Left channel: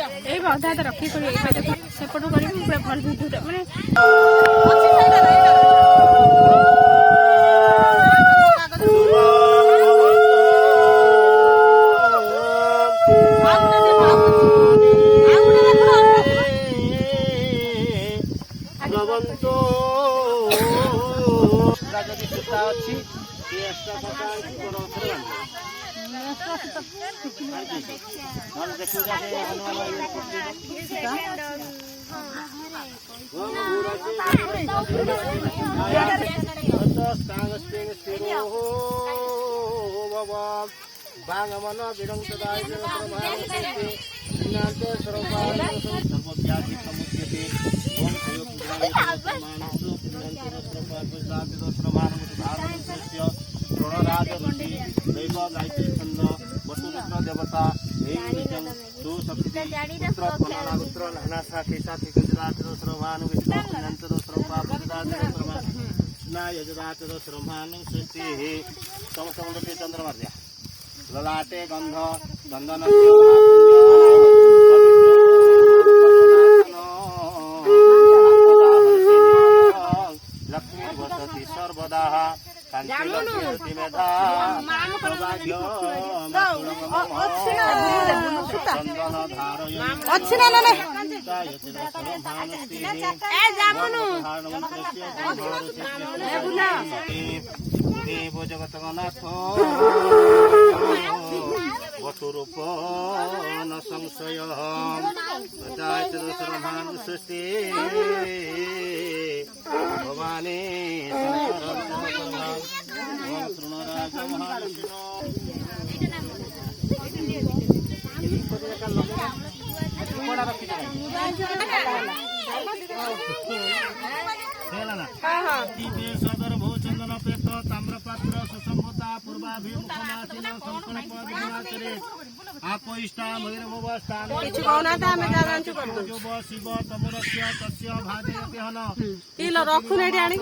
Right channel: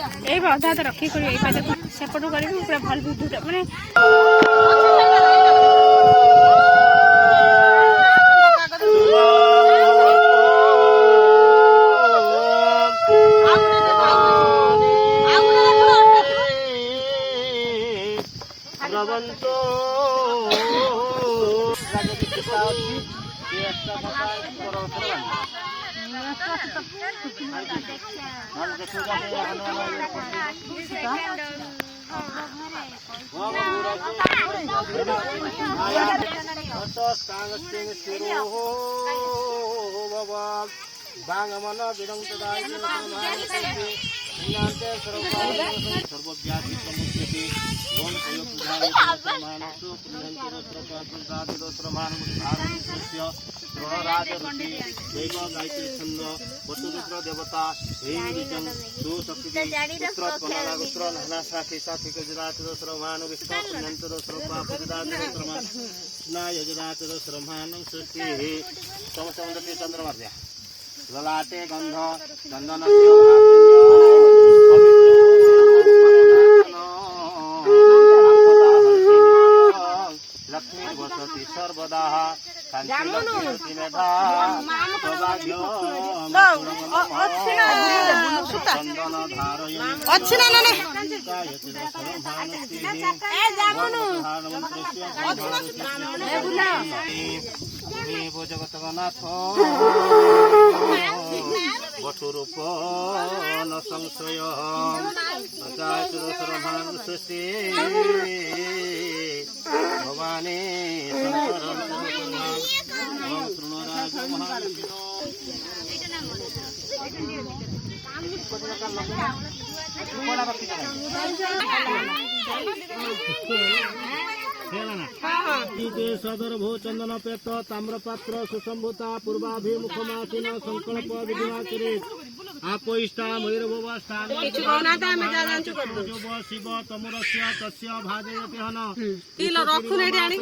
अधा तो रखी सेपटू कर पूरा भल विद्युत माने बांगमन विरंगदाय सर्वव्याधि समुच्यते ओम हयो पूजाय रणराज ऋषि दैव गायत्री छंद वसुरुद्र देवता देवीजन दो शक्ति पुत्र पुत्र नाना साखी साखी गजराज सर्वमान विष्णु पुण्यंत सर्वपाप जदाज सर्वमान ना यजदाच सर्वमान सृष्टि समसंगति चंद्रवर्या ललाटे गंध चंदन लक्ष्मी वसति सर्वदा शांति मेधा सौभाग्य चंदन देव जगतनाथ वटुरूप न संशय सर्वमान सृष्टि भवानी शंकर तृणराज सदर भू चंदन पेप ताम्रपात्र सुसंभूता पूर्वाभिमुखमासीन संकल्प विधिमाचरे आपोष्टा भैरव स्थान शिव तमुरस्य तस्य भाजयत्यहन तिल रखुन एडी आनी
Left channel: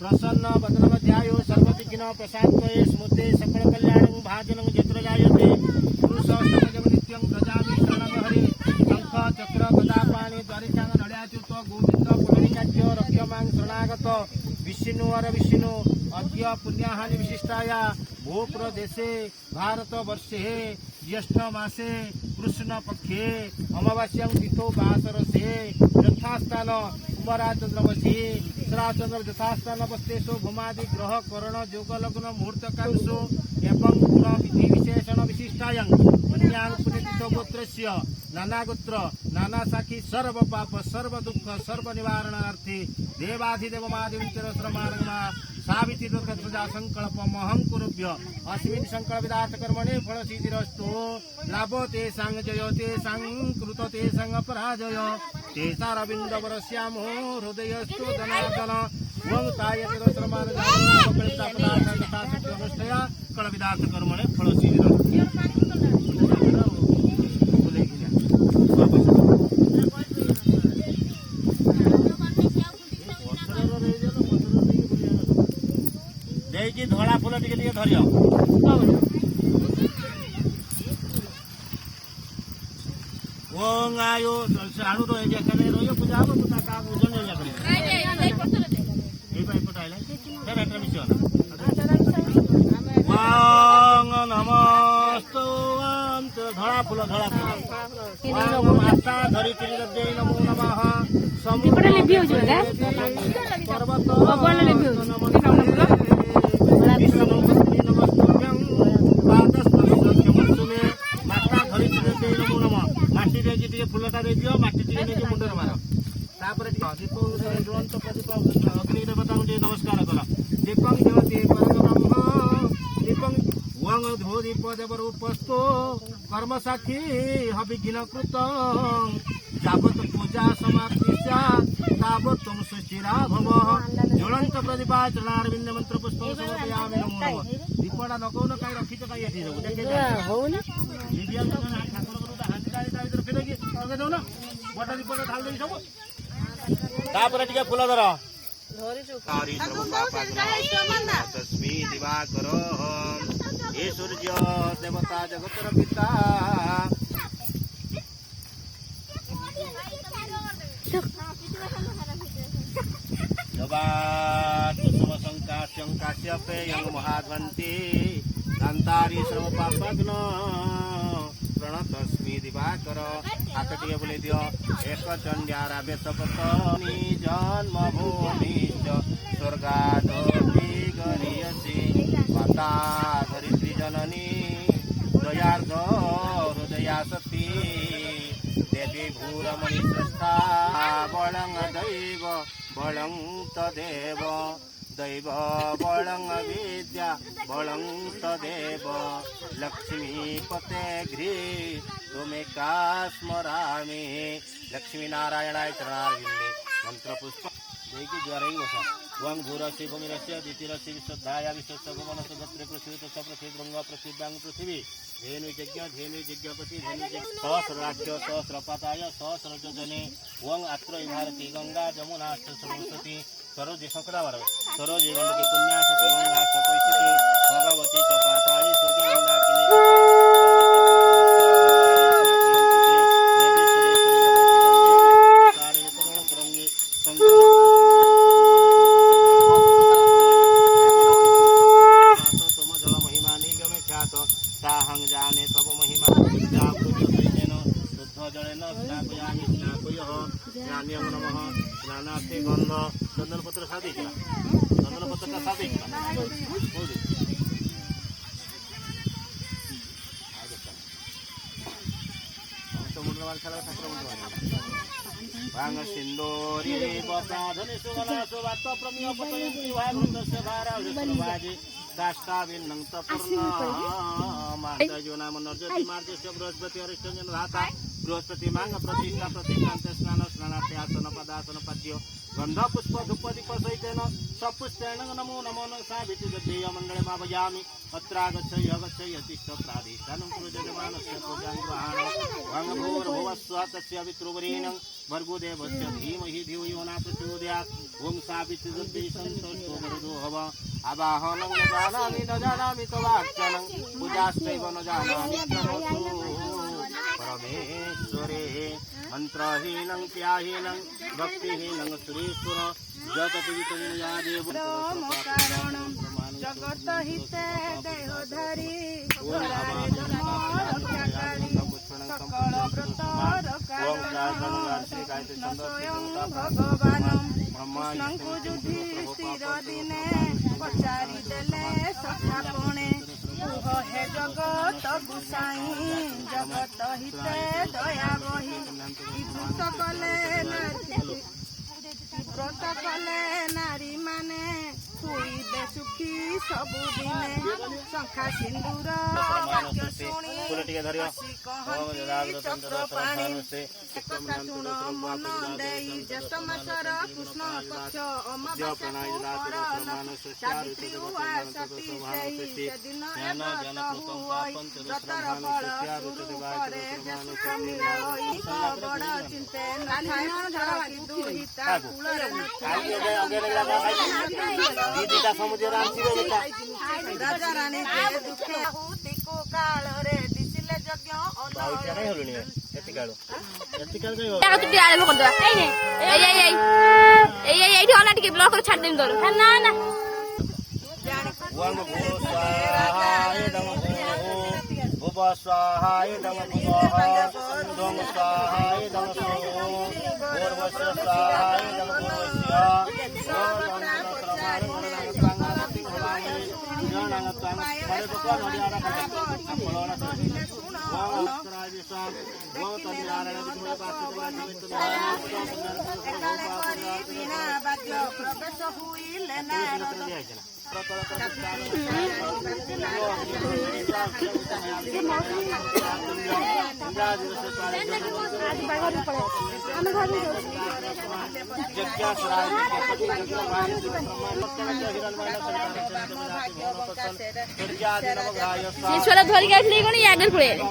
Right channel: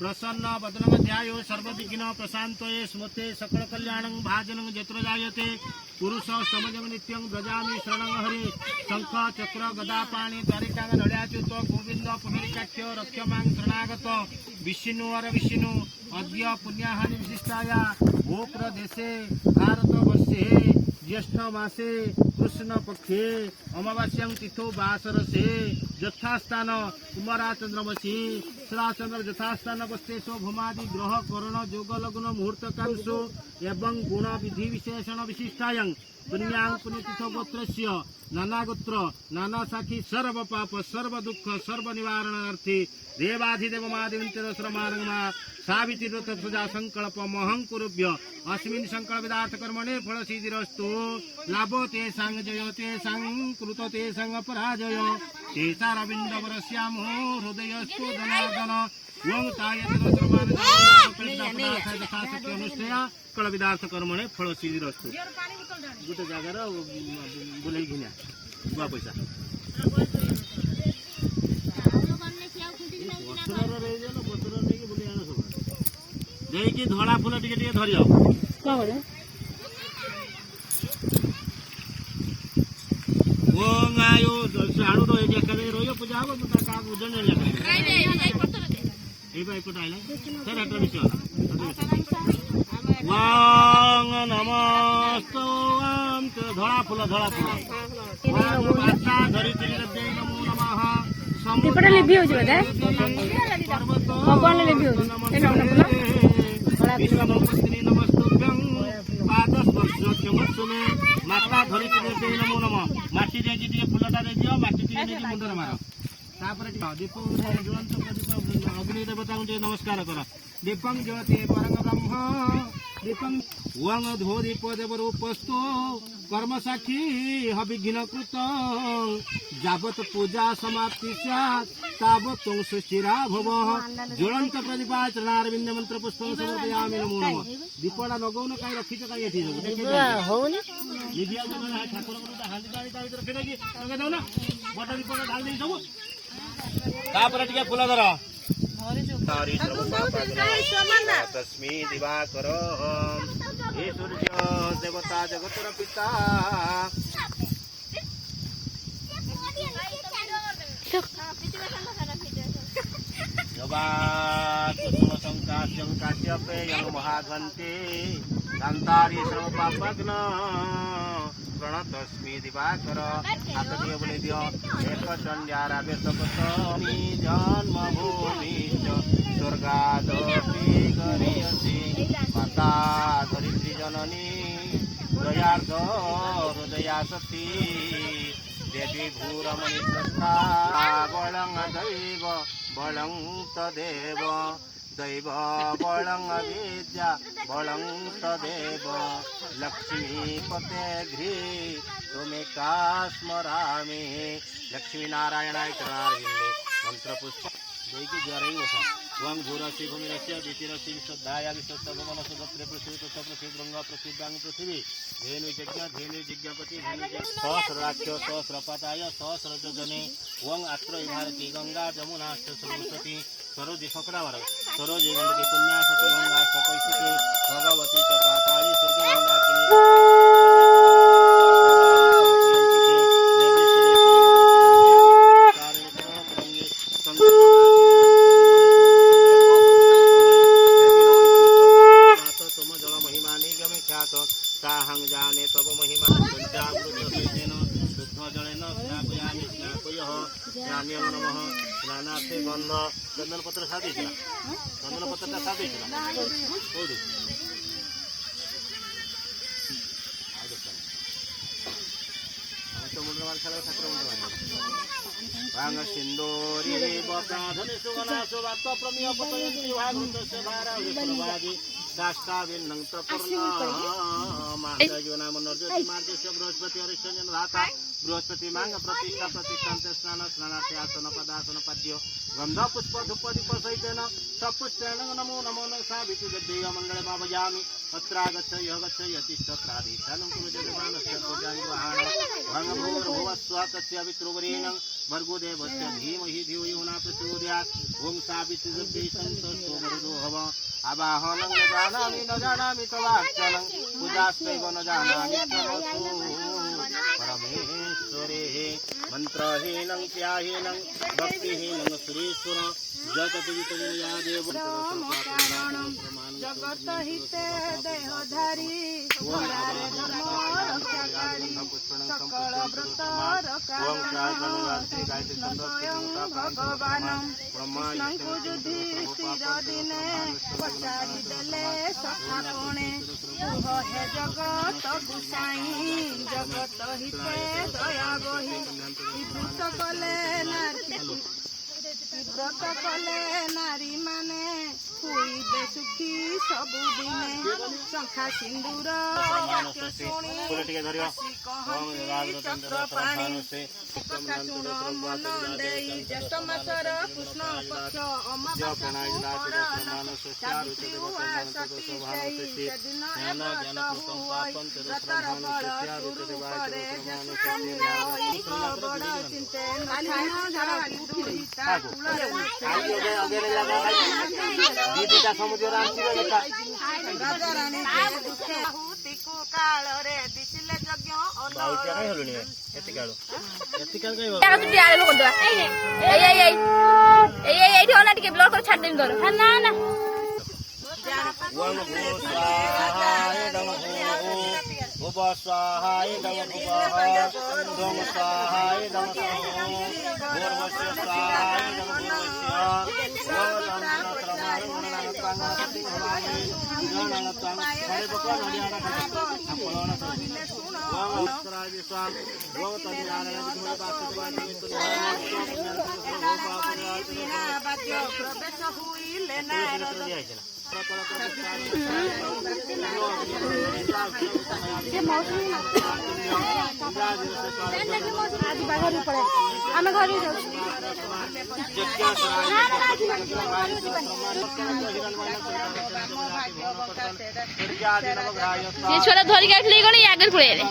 प्रसन्न वदनमध्यायो सर्वविघ्न प्रशांतये स्मृते सकल कल्याणं भाजनं चित्रजायते पुरुषोत्तमजं नित्यं भजामि शरणं हरि शंख चक्र गदा पाणि द्वारिकांग नड्याच्युत गोविंद पुण्यकाख्य रक्षमां शरणागत विष्णुवर विष्णु अद्य पुण्याहानि विशिष्टाया भूप्रदेशे भारतवर्षे ज्येष्ठ मासे कृष्ण पक्षे अमावास्यां तिथौ वासरसे यथास्थान कुमारा चंद्रवशी चंद्र यथास्थान वस्तेषु भूमादि ग्रह करण योग लग्न मुहूर्त कांशो एवं गुण विधि विशेषण विशिष्टायां पुण्यां गोत्रस्य नाना गोत्र नाना साखी सर्व पाप सर्व दुख सर्व निवारणार्थे देवाधिदेव महादेवीचरश्रमार्गमा सावित्री व्रत पूजा संकल्प महं कुरुभ्य अस्मिन् संकल्प विदार्थ कर्मणे फल सिद्धिरस्तु लाभ तेषां जय तेषां कृत तेषां पराजय तेषां रविन्द्रवरस्यामो हृदयस्तु धनार्दन ओं तायतिरश्रमार्गया फल विदार्थ कर्मणे फल सिद्धिरस्तु धड़ा फूल टे धर आयो साड़ू रही पूजा हम नमस्तो धड़ा फूल धड़ा फूल धरी नमो नमः माता धरी नमो नम माटी देखिए फुलटा दे दियो माटी मुंडर मार दीप अग्नि देवता नमस्कार कला धो दीप देवरूपस्तो कर्म साक्षी हविघ्न कृत जावत पूजा समाप्ति तावत सुचिरा भव ज्वलंत प्रतिपाचरणारविंद मंत्र पुष्प समर्पयामि नमो नमः दीपड़ा लगौन कहीं रखी तो कहीं एठी होउनी निबिया ठाकुर गुरु हांडी डाली भीतर फेरे कि लगे दो ना बड़ दीपड़ा ढाल दे सब तापर टिके फूल धर तारी तस्मै दिवाकरः हे सूर्य देवता जगतर पिता कुसुम संकाश्यं काश्यपेयं महाध्वन्ति दान्तारी सर्वपापघ्न प्रणतस्मै दिवाकर हातटिए बोले दियो एक चंड्यारावेशकतनी जन्मभूमि स्वर्गादपि गरीयसी माता धरित्री जननी दयार्ध हृदया सती देवी भूरमणि श्रेष्ठा बलं दैव बलं तदेव दैव बलं विद्या बलं तदेव लक्ष्मीपते घ्री तुमेका स्मरामि लक्ष्मी नारायणाय चरणारविन्दे मंत्र पुष्प देकी ज्वरै वस वं भूरस्य भूमिरस्य द्वितीयस्य विशुद्धाया विश्वस्य भुवनस्य दत्रे पृथ्वी तस्य पृथ्वी गंगा पृथ्व्यां पृथ्वी धेनु यज्ञपति धेनु सहस्राक्ष सहस्रपाताय सहस्रजने वं अत्र भारती गंगा जमुना सरस्वती सरोज सकरावर सरोज गंडकी पुण्या सती गंगा सकैसिके भगवती च पाताली सूर्यमंडाकिनी ताहं जाने तब महिमा शुद्ध जलेन स्नापयामि स्नापयः ज्ञान्यं नमः स्नानार्थे गंध चंदन पत्र साधे चंदन पत्र साधे मुंड ठाकुर मुंड भांग सिंदूरी बप्राधनि सुगना सुवात प्रमेय पतयन्ति भागवतस्य धारा विष्णुभाजी दास्ताविन्नं तपूर्ण मार्जयो नाम नर्जति मार्जस्य बृहस्पति हरिश्चन्द्र धाता बृहस्पति मांग प्रतिष्ठा प्रतिष्ठान्त स्नान स्नानार्थे आसन पदासन पद्य गंध पुष्प धूप दीप सहितेन सपुष्पेण नमो नमो न साविति देव मंगले माभयामि अत्रागच्छय तिष्ठत्राधिष्ठानं कुरु जगमानस्य पूजां ग्रहाण भंग भूर्भुवस्वः तस्य वितृवरेण्यं भर्गो देवस्य धीमहि धियो यो न प्रचोदयात् ओम साविति सन्तोषो मरुदो भव आवाहनं न जानामि तवार्चनं पूजाश्चैव न जानामि तमसु परमेश्वरे मंत्रहीनं त्याहीनं भक्तिहीनं सुरेश्वर जत पूजितं या देव कारणं जगत हिते देहधारी सकल स्वयं भगवानं कृष्णଙ୍କୁ युधिष्ठिर दिने पचारि देले सखापणे कुह हे जगत गुसाई जगत हिते दया बही व्रत कले नारी माने हुईबे सुखी सबुदिने शंखा सिंदूर वाक्य शुणी हसी कहन्ति चक्रपाणि कथा शुण मन देई ज्येष्ठ मासर कृष्ण पक्ष अमावास्या सती सेदिन व्रतर फल शुरू करे बड़ चिंते दीदी समुद्र राजा रानी को काल रे दिसिले यज्ञ भुवस्वाहाय नमः दोम स्वाहाय नमः भूर्भुवस्वाहाय छोड़ा धरी गाइले गणी आगर पळे रे